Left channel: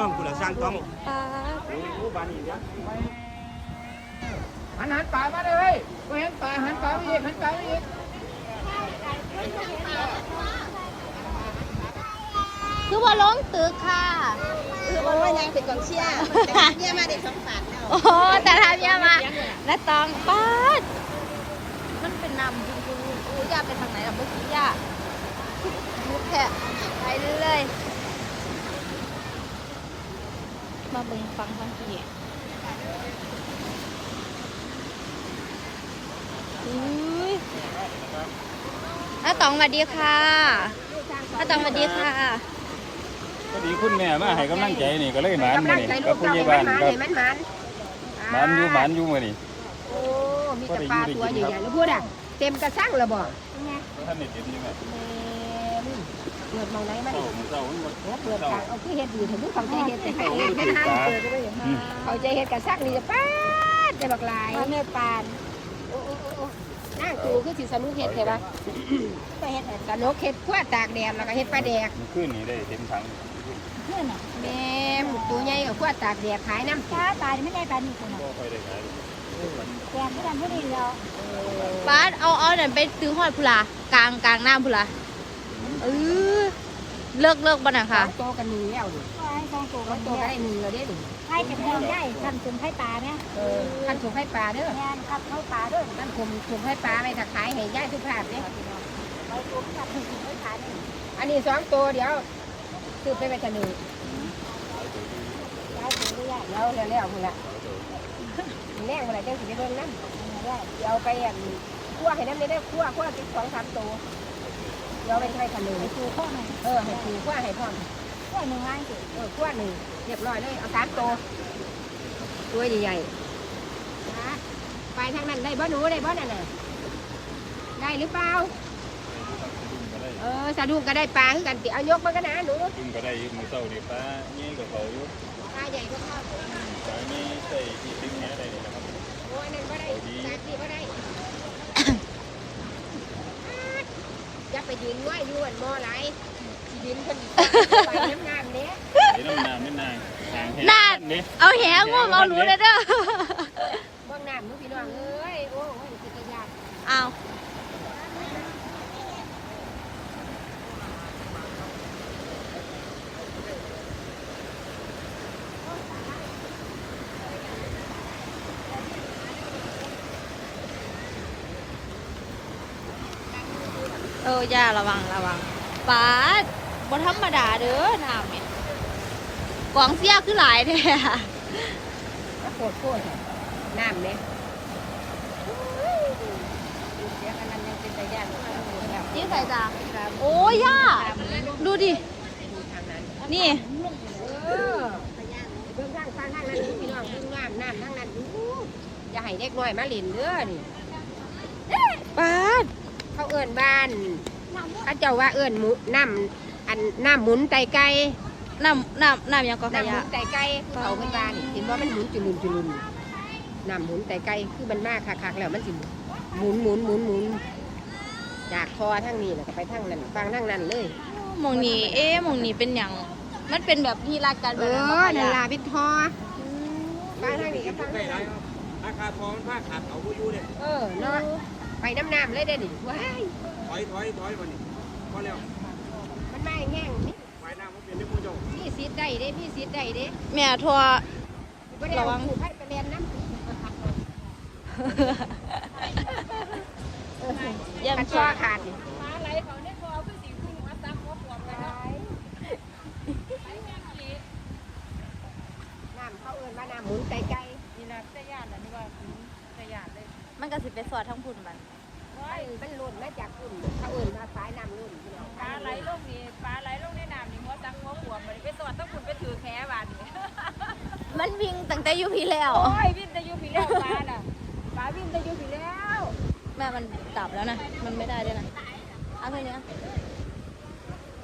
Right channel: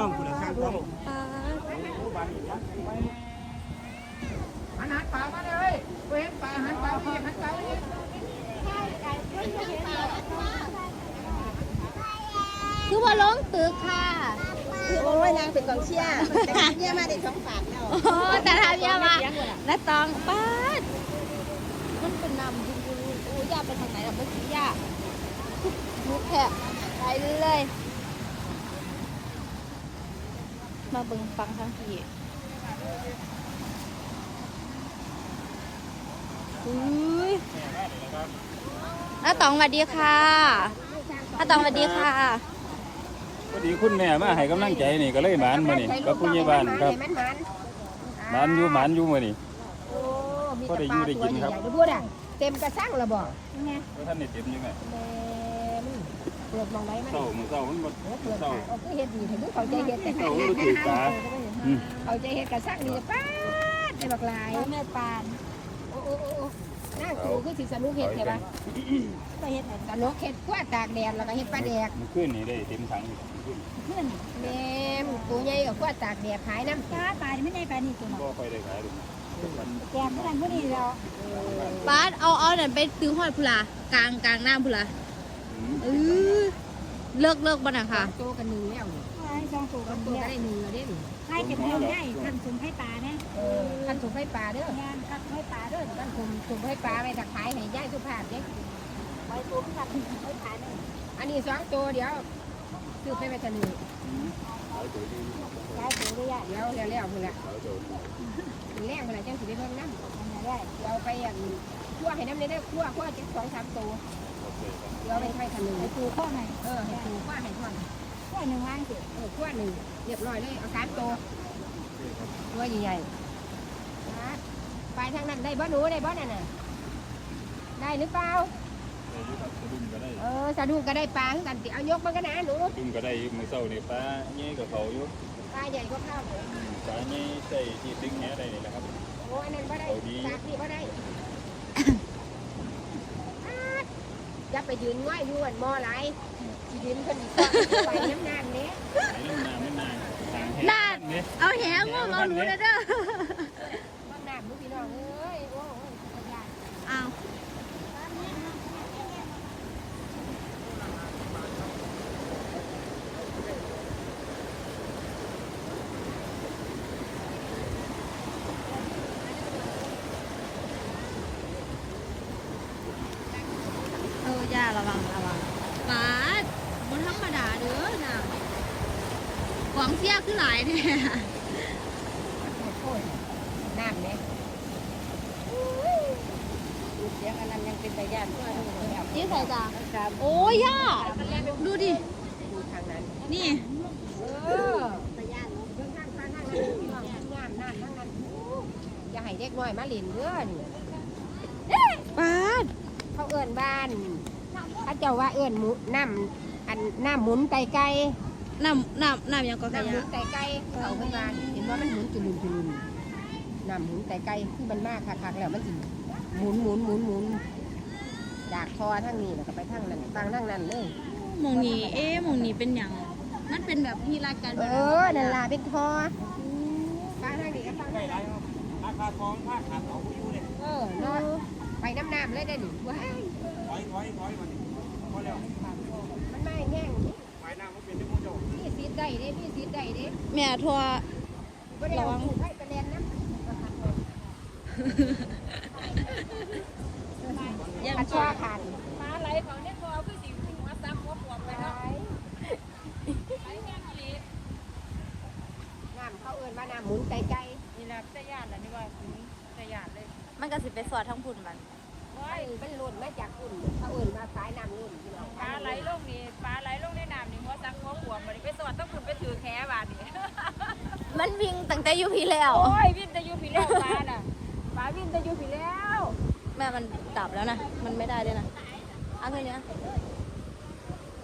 ต้องคุณสร้างต้องปาหันหันปลามาเลยเห็นปลาหันปลาอีกหันปลาอีกคือว่าลงตึกค่ะคือว่าไม่แรงเป็นกองเชียร์เนี่ยมาได้สองบาทแล้วโอ้แต่ทำยังมาและตองปาดมันเป็นนำจริงๆอู้ย่าไปทางไหนกับเมื่อกี้ย่ามุกแค่ไปเรื่อยๆ มาเบิ่งฟังท้องที่อุ้ยน้าตองสวัสดีค่ะน้าตองสวัสดีค่ะ ก็ดีคุณแม่มาให้กำลังใจนี่ก็เลยหมานมานี่กับผู้ใหญ่บ้านครับมันมันหมานอยู่หมานอยู่มื้อนี่โอ้มีก็แต่ได้ปอยู่ลาได้ตัวกินครับใหญ่ๆพูดอะเต็มกระซังเลยบ่ท่านได้เก็บอยู่แม่เต็ม เกิดมองไหนมันเช้ามื้อเช้ามันบ่เกิดเช้าเอาคือเฮ็ดดีถึงเขาใจเฮ็ดแต่เช้าเฮ็มันดถือตาอืมเขาใจเฮ็ดกระซังนี่จะป้าดจะบักหลายเนื้อปานโอ้โอ้โอ้โอ้นั่งกูคือสิสนุกเฮ็ดใช่ปะไปเฮ็ดสนุกเฮ็ดขั้วตากแดดแล้วก็เฮ็ดปลาแดกมันขึ้นนี่ได้เต็มถังนี่ขึ้นเพื่อนอะแม่มตัวใหญ่กับขั้วตากแดดขายน้ำถ้าปลาไม่ได้ปลานี่ตัวน่ะบ่ค่อยได้ขายเลยแกมไม่ทำพวกนี้แล้วป้าดเอาเอาเนี่ยไปซื้อหอยพุลากลางกลางน้ำพุลา เออเลิกเลิกบ้านะค่ะโตกันหนึ่งแล้วดิให้ฟองโตโตกันโตเนี่ยได้หนึ่งแล้วเด้ดิให้เป็นให้ใหญ่ทำจนให้ปลาเนี่ยท่านส่งให้ปลาเด้องานครับให้ปลาด้วยท่านผมส่งให้ปลาไปถ้าขายให้ย่ายทุกภาพเนี่ยไปตัวมันกัดให้ปลาเนี่ยอันนี้สองตัวเดี๋ยวซื้อไปไว้จะหนึ่งย้ายตัวด้วยเดี๋ยวแล้วแล้วพุ่นละแรงพุ่นละจังสิไปเบิ่งน้ำเดี๋ยวไปอันคั่วให้น้ำได้คั่วคั่วติดสองสามตัว เดี๋ยวไปใช้ขนึ่งไปตัวข้อไหนเออให้ถูคั่วให้พร้อมข้อหนึ่งง่ายสุดเออคั่วหนึ่งเรียบร้อยเลยเอาสามตัวตัวใหญ่ๆไปทางนั้นได้บ่หนูได้บ่นั่นน่ะได้หรือเปล่าดุมก็ได้เออสะดุ้งก็ได้ปลาคือกันติเอายกมันก็นะหนูดุมก็ได้อยู่มื้อเช้านี่ปลาใหญ่กว่าเขาอยู่ปลาใหญ่ก็เข้าปลามีใส่ที่ตึงแหได้นี่นะครับโอ้อันนั้นก็ได้สาดีก็ได้ อย่าไปยืนง่อยยวนมอไหลยืนเพิ่นไปน้ำน้ำเนี้ยนี่ลงน้ำมันนางนางแห้งนาดนี่เอาแหงวมเอาหนูเลยเด้อ บนน้ำพี่น้องเอ้ยโอ้มันสิกินน้ำ เอาเออย่าระวังระวังป้าดบนธรรมดาเด้อน้ำเนี่ยกวางเสียคือหลายแท้ก็โคตรโคตรน้ำเนี่ยเสียกันนั้นยังเป็นตาย่านที่เราเหมือนกันนี่ใครจ้าโอ้ยย่าดูดิ นี่เออตาย่านเบิ่งข้างข้างนั่นเลยพี่น้องเบิ่งน้ำน้ำทั้งนั้นอย่าให้เด็กน้อยมาเล่นเด้อนี่ป้าดเขาเอิ้นบ้านเขาเจ้าว่าเอิ้นหมุน้ำอันน้ำหมุนไตไก่น้ำน้ำน้ำยังก็ขน้ำหยะ มุนไตไก่เขาไม่บ้านเห็นว่ามันหมุนจุลุนจุลุนน้ำหมุนไตไก่คือมันมากคักๆแล้วมันสิหมุนหมุนหมุนหมุนจากคอทั้งนี้ไปทั้งนั้นทางทั้งนั้นเลยหมองนี้เอ๊ะหมองนี้เป็นอย่างมันเป็นแบบที่รักกันเอแบบอนั้นนั่นบ่ล่ะขยะเป็นทอไปทางนี้ก็ทางได้ไรราคาทองผ้าขาดเขาอยู่เนี่ยเออเนาะไปน้ำน้ำเลยเด้อนี่ว้ายถ อยถอยถอยมาดิพอแล้วมันไม่แห้งไปนั่งว่าเป็นเรื่องผู้ชมมีสิทธิ์ได้เด้มีสิทธิ์ได้เด้แม่ทัวบ่ได้ระวังให้ประเด็นนั้นยังกระสชอวยขาดน้ำเขาเอิ้นว่าน้ำหมุนไกลๆนี่แหละตะยานน่ะนี่ว่าตะยานเลย มันก็สิไปสอดทั้งพุ่นมัน มันเป็นรุ่นมาจากรุ่นเขาเอิ้นว่าสายน้ำรุ่นปลาไหลลงนี่ปลาไหลลงในน้ำนี่มดจักหัวขวบมันไปสวดต้องคุณไปถือแค่บาดนี่มันวิ่งตั้งแต่อยู่พี่แล้ว โอ้ยวิ่งแต่อยู่พี่แล้วปลาน่ะปลาวิ่งแต่อยู่พี่แล้วแม่มันดับแล้วนะ มันไม่ได้ด้วยนะ เอาแค่นี้นะ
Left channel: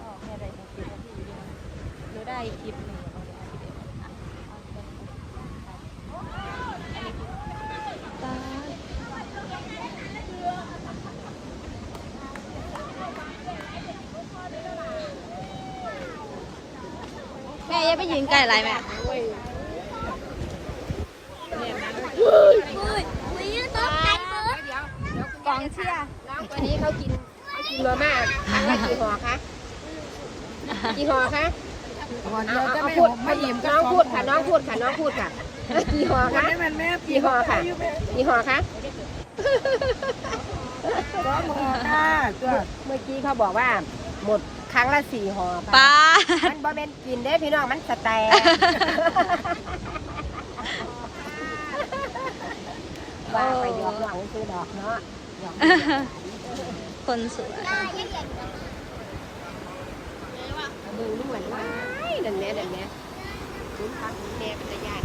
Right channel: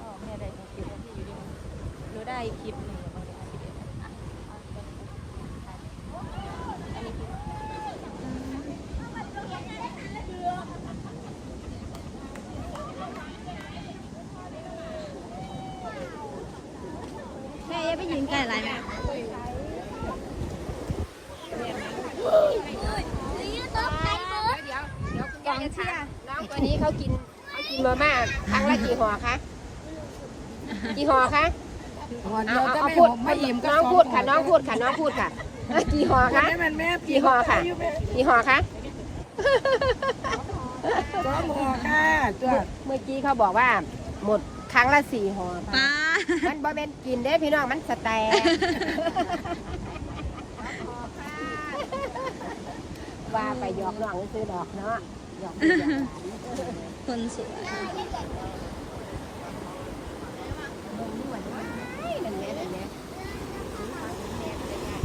อ๋อแม่ได้หกสิบนาทีอยู่ดีนะหนูได้คลิปหนึ่งแล้วก็อะเอาไปถ่ายอันนี้ป้าดแม่ อย่าไปยืนใกล้ไรแม่กองเชียร์น้องคนนี้เขากินกินมาม่าครั้งละกี่ห่อคะ กี่ห่อคะห่อเดียวจะไม่หมไม่อิ่มน้องพูดค่ะ น้องพูดค่ะ น้องพูดค่ะ กี่ห่อคะกี่ห่อค่ะ กี่ห่อคะสองห่อค่ะจ้ะเมื่อกี้เขาบอกว่าหมดค รั้งละสี่ห่อป้ามันบ่เป็นกินเด้อพี่น้องมันสแตกว่าไปหยอกหลังคือดอกเนาะหยอกคนสวยมึงนี่เหมือนว่านั่นแหละนั่นแหละแม่ภรรยาพนักงาน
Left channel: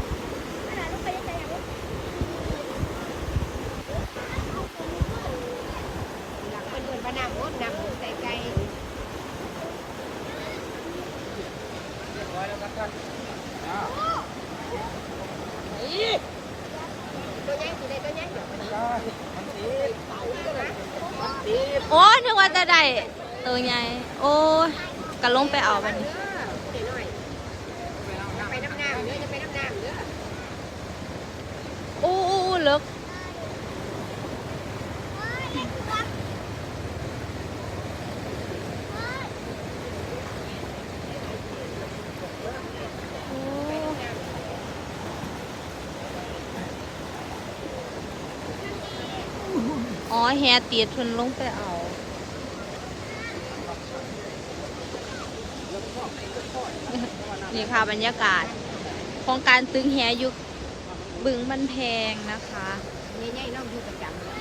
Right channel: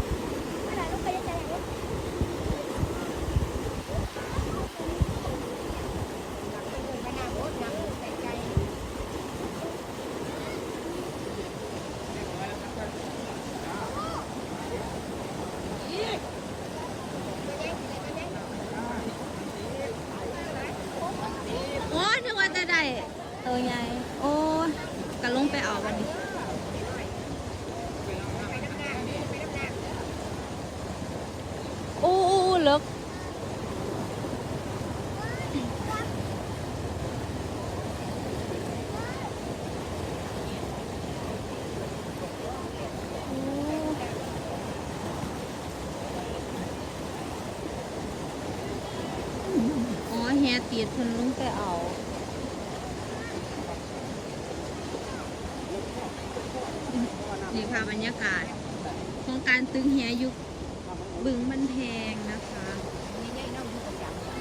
นำใส่ใจ โอ้นึกว่า จะได้ตัวใหญ่โอ้ยกะลงไปเอาบันี้ไปน้ำน้ำนี่ไปน้ำน้ำอู้อู้อู้เลิกอ๋อแฮตีดทุนลงไปเอา นี่ค่ะบรรยากาศ ของการตึงแฮอยุกบึงมันแพงนะคะ นี่ใหญ่น้องดูประจำ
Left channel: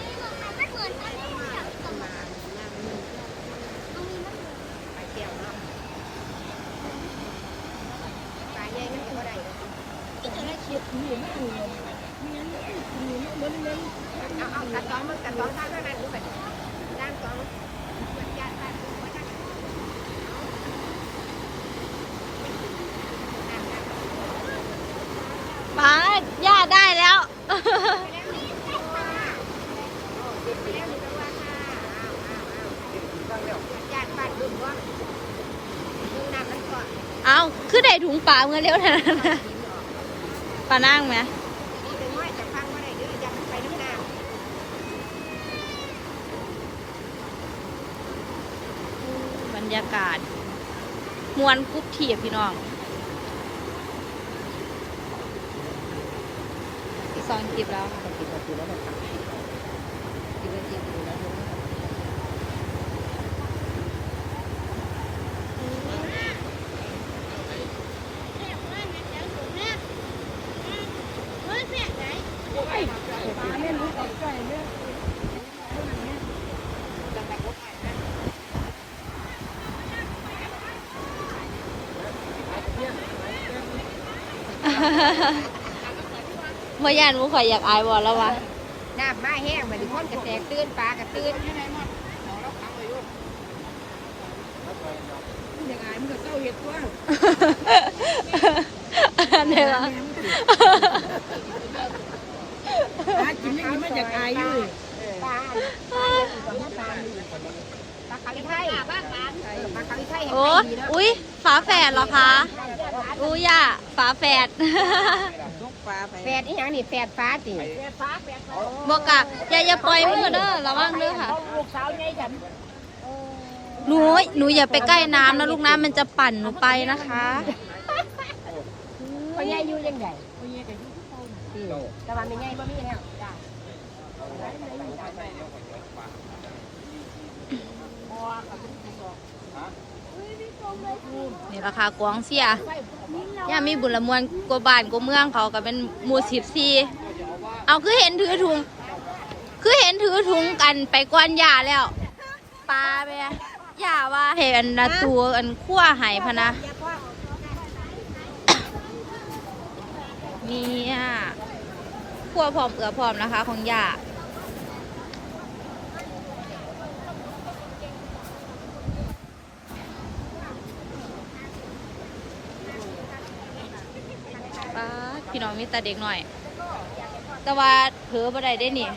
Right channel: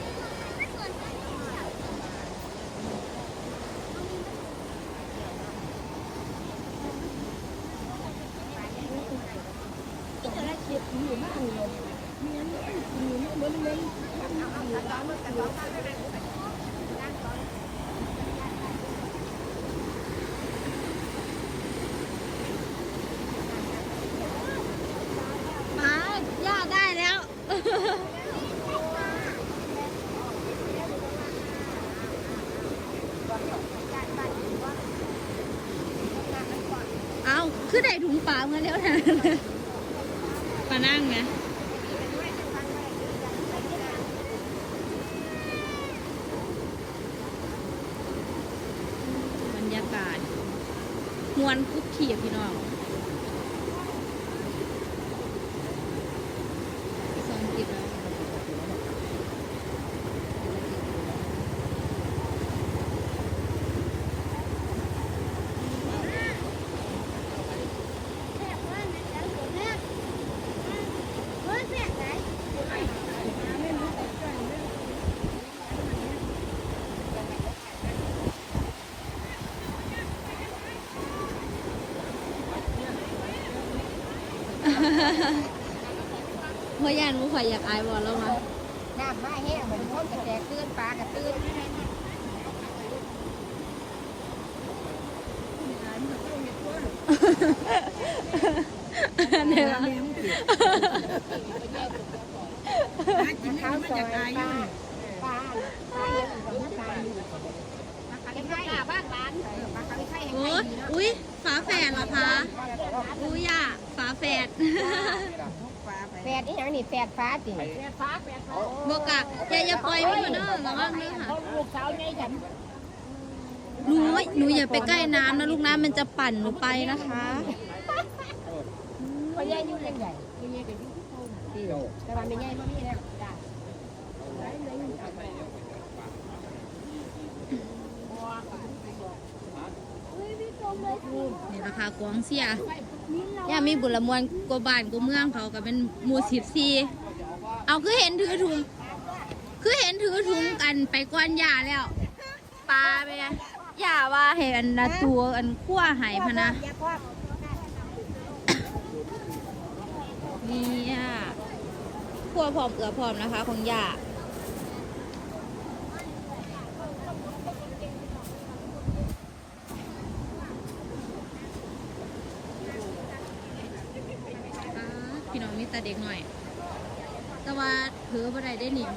ป้าย่าได้แล้ว เอาคือ ได้ถุงปลาเมื่อเร็วนะปลานั่งไหมบรรยากาศมวนกรุ๊บเทียบพี่น้องสองคลิปแล้ว เพราะยานมุข่อยอยากอายบอแล้ววะน้ำมาแห้งมาถึงคนกระแตกตื่นปลากระตื่นยังไงมันยังไงมันก็เต้าเห็ดว่าเนี่ยวะหากินไม่กินไม่อยากอายอยู่ปลาปลายังอีกกว่านี้ปลาอยู่ปลาคาริไทยบ้านร้านปลาคาริไทยโอ้อุ้ยฝาแฝดเหรอคะ อุ้ยอะฝาแฝดแฝดอีหยังนี่แฝดฟ้าติบอกกะอย่าอย่าปล่อยมือเด้อระวังเด้อค่ะ ลูกสาวไงฉันหนูหนูอย่าไปใกล้น้ำนะลูกน้ำมันจะปั่นหนูไปนะคะพ่อใหญ่อยู่ยังไงพ่อใหญ่ก็อยู่ที่เก่าแต่ว่าไม่ใหญ่บ่มีแล้วจ้า นี่ราคากวางเสียย่ามีบุญละมวนกว่าบ้านกว่าเมืองเขาก็เป็นหมู่สิบสี่เอาคือเห็นถือถุง คือเห็นถือถุงกันไปก้อนยาแล้วปลาไปอะยาว่าเห็นนะตัวอันขั้วหายพะนะเนี่ยขั้วพร้อมเอือพร้อมนะคะ ของยาด พี่น้องมีแต่เด็กหน่อย แต่ว่าเผลอบ่ได้ได้นี่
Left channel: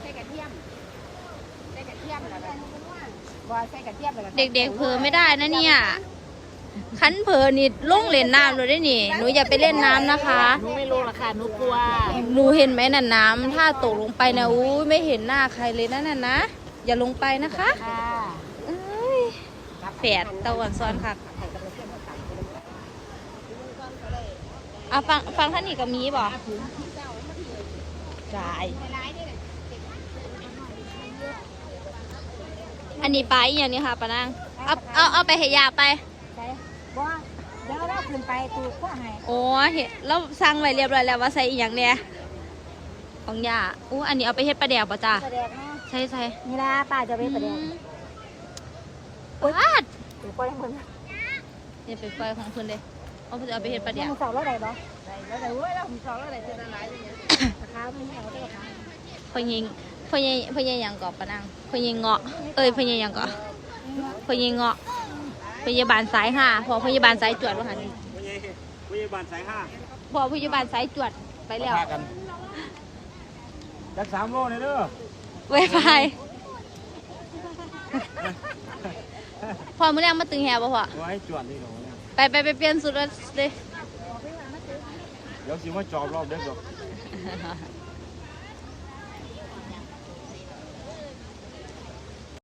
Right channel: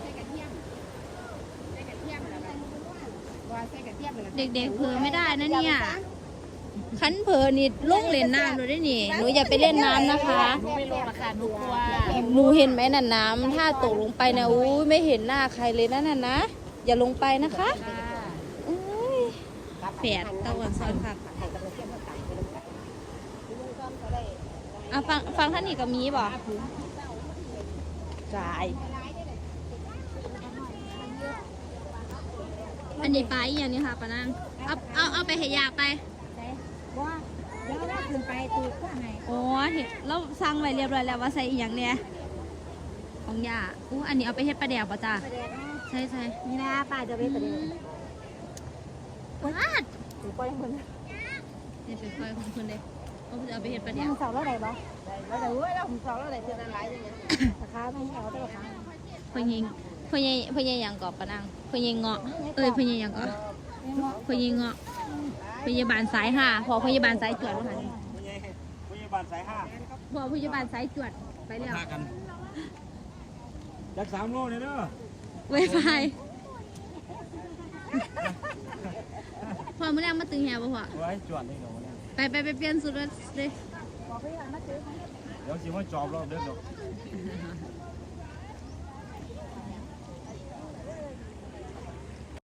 ใส่กระเทียมใส่กระเทียมแล้วก็บ่ใส่กระเทียมแล้วก็เด็กๆเผลอไม่ได้นะเนี่ยคันเพอนี่ลงเล่นน้ำเลยได้นี่ หนูอย่าไปเล่นน้ำนะคะไม่รู้หรอกค่ะหนูกลัว หนูเห็นไหมน่ะน้ำถ้าตกลงไปนะอู้ยไม่เห็นหน้าใครเลยนะน่ะนะ อย่าลงไปนะคะเอ้ยแฝดตะวันซ้อนค่ะ อะฟังฟังท่านอีกกับมีบ่จ่ายอันนี้ไปลาอหย่างนี้ค่ะปะนางเอาเอาเอาไปให้ยาไปว่าเดี๋ยวเราขึ้นไปตูกว่าให้โอ้เห็นแล้วสั่งไว้เรียบร้อยแล้วว่าใส่อีหยังเนี่ยของยาอู้อันนี้เอาไปเฮ็ดปลาแดกป่ะจ้าแสดงนะใช่ใช่นี่นะป้าจะไปแสดงปาดตูปล่อยคนอย่าไปปล่อยของเพิ่นเลย เอาไปเอาไปเฮ็ดปลาแดนี่กมันเสาแล้วไหนบ่แล้วแต่เว้ยเราผมสองแล้วแต่เจอหลายอย่างเงี้ยราคาไม่เอาได้ค่ะพ่อยิงพ่อยิงพ่อยิงหยังกอบปะนางพ่อยิงเงาะ เอ้ยพ่อยิงหยังกอบพ่อยิงเงาะพยาบาลสายห้าพอพยาบาลสายจวดว่าหันไม่ใช่ไม่ใช่บ้านสายห้าพอพยาบาลสายจวดไปแล้วพากันจักสามโลเลยเด้อไวไฟพอมื้อแรกมาตึงแฮบ่พอไว้จวดเลย ไปไปไปเปลี่ยนสุดเลยเดี๋ยวสิมาจอบรอบเด้อ